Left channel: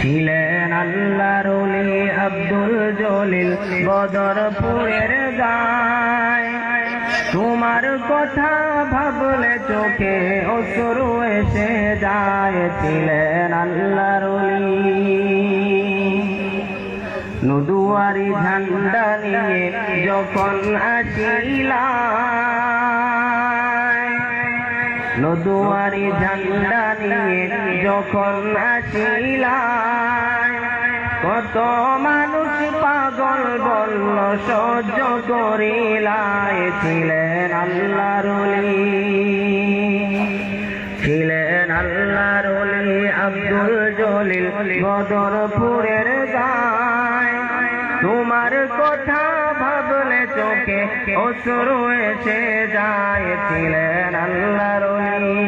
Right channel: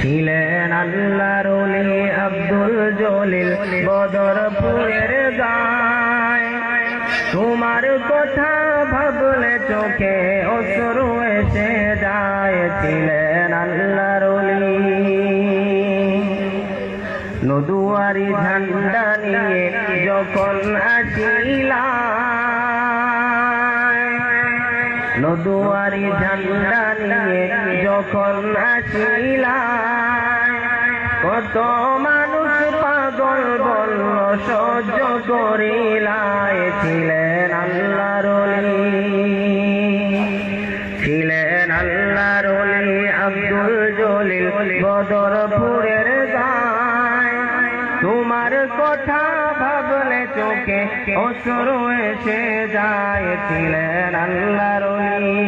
ছিলেন আল্লাহর ওলি আব্দুল জলিল বদরপুরের গায়। তোমার কথা ভাবলে চোখে অশ্রু এসে যায়। ছিলেন আল্লাহর ওলি নদুয়ারি ঝান্ডা নিয়ে যখন আসিলাম, নদুয়ারি ঝান্ডা নিয়ে যখন আসিলাম, কত মানুষ পাগল বলল সহ্য করিলাই। ছিলেন আল্লাহর ওলি, ছিলেন আল্লাহর ওলি আব্দুল জলিল বদরপুরের গায়। তোমার কথা ভাবলে চোখে অশ্রু এসে যায়। ছিলেন আল্লাহর ওলি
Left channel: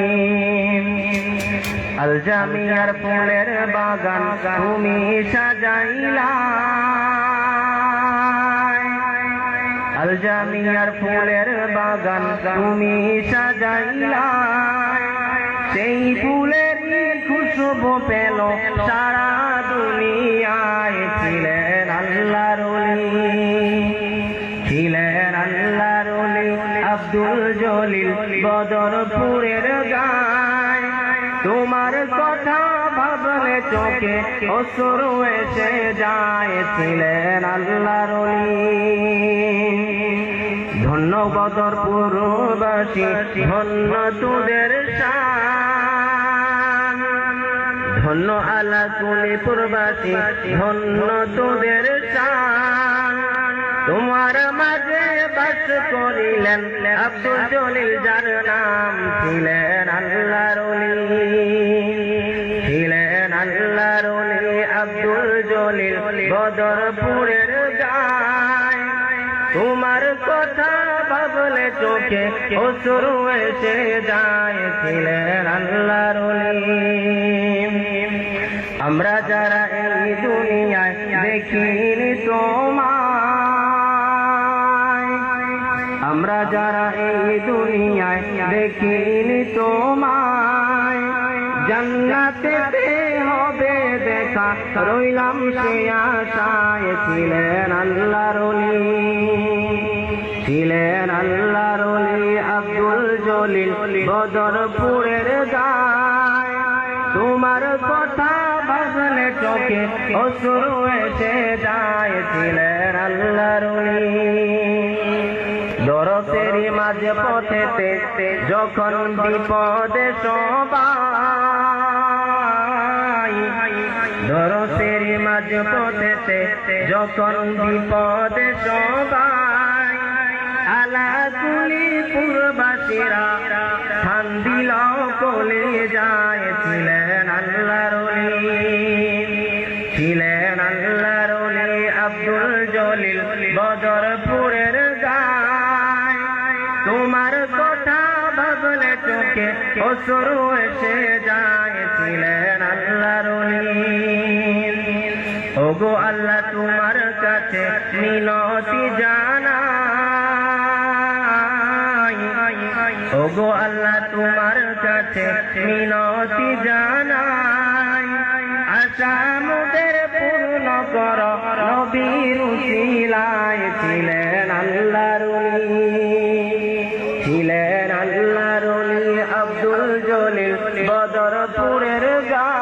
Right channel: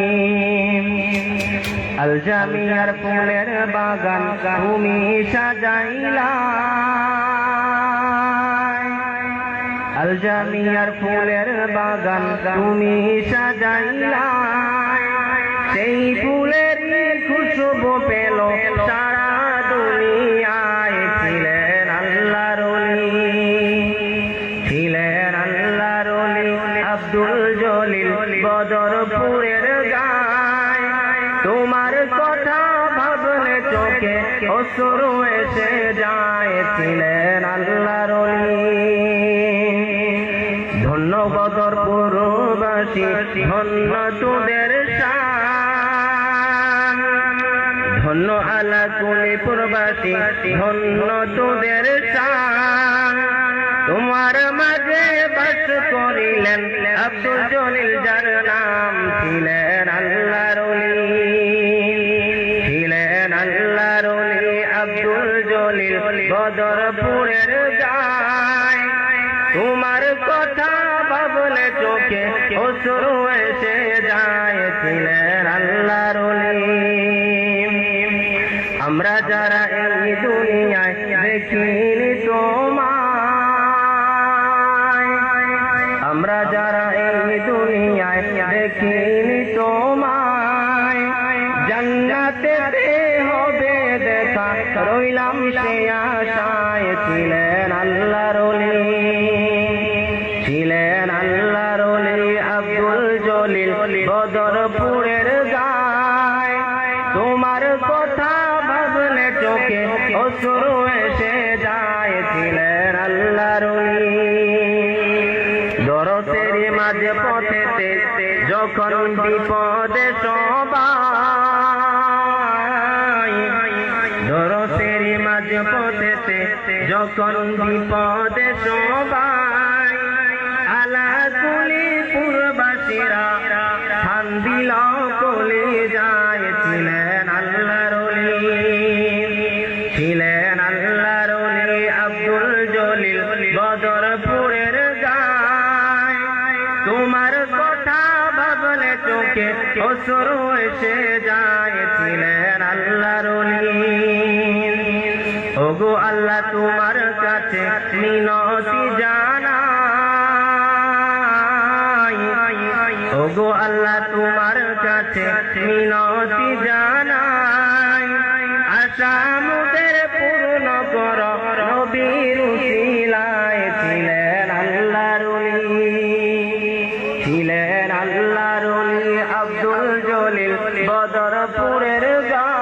আল জামিয়ার ফুলের বাগান তুমি সাজাইলা, আল জামিয়ার ফুলের বাগান তুমি সাজাইলা। সেই ফুলেরই খুশবু পেল সারা দুনিয়ায়। ছিলেন আল্লাহর ওলি, ছিলেন আল্লাহর ওলি আব্দুল জলিল বদরপুরের গায়। তোমার কথা ভাবলে চোখে অশ্রু এসে যায়। ছিলেন আল্লাহর ওলি ধন্য বদরপুরবাসী, ধন্য তোদের শান, ধন্য আলাকুলি প্রবাসী, ধন্য তোদের শান। তোমার মাঝে বাস করিলেন আব্দুল জলিল যার নাম। ছিলেন আল্লাহর ওলি, ছিলেন আল্লাহর ওলি আব্দুল জলিল বদরপুরের গায়। তোমার কথা ভাবলে চোখে অশ্রু এসে যায়। ছিলেন আল্লাহর ওলি আমরা যারা এই দুনিয়ায় দেখিনি তোমায়, আমরা যারা এই দুনিয়ায় দেখিনি তোমায়, জান্নাতেতে হবে দেখা রইলাম সে আশায়। ছিলেন আল্লাহর ওলি, ছিলেন আল্লাহর ওলি আব্দুল জলিল বদরপুরের গায়। তোমার কথা ভাবলে চোখে অশ্রু এসে যায়। ছিলেন আল্লাহর ওলি দরদের মাঝে পথেতে যখন বিপদে সবাই, দরদের মাঝে পথেতে যখন বিপদে সবাই, আলাকুলি পুরবাসীরা ধান দিলাও চলে যায়। ছিলেন আল্লাহর ওলি, ছিলেন আল্লাহর ওলি আব্দুল জলিল বদরপুরের গায়। তোমার কথা ভাবলে চোখে অশ্রু এসে যায়। ছিলেন আল্লাহর ওলি ওগো আল্লাহ তোমার কাছে মিনতি জানাই, ওগো আল্লাহ তোমার কাছে মিনতি জানাই। আশা মোদের পূর্ণ কর নবীর উসিলায়। ছিলেন আল্লাহর ওলি, ছিলেন আল্লাহর ওলি আব্দুল জলিল বদরপুরের গায়।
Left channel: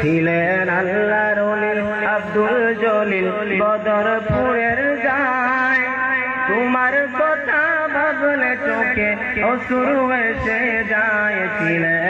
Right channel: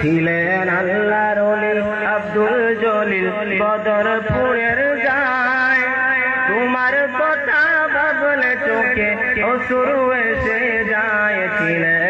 ছিলেন আল্লাহর ওলি আব্দুল জলিল বদরপুরের গায়। তোমার কথা ভাবলে চোখে অশ্রু এসে যায়। ছিলেন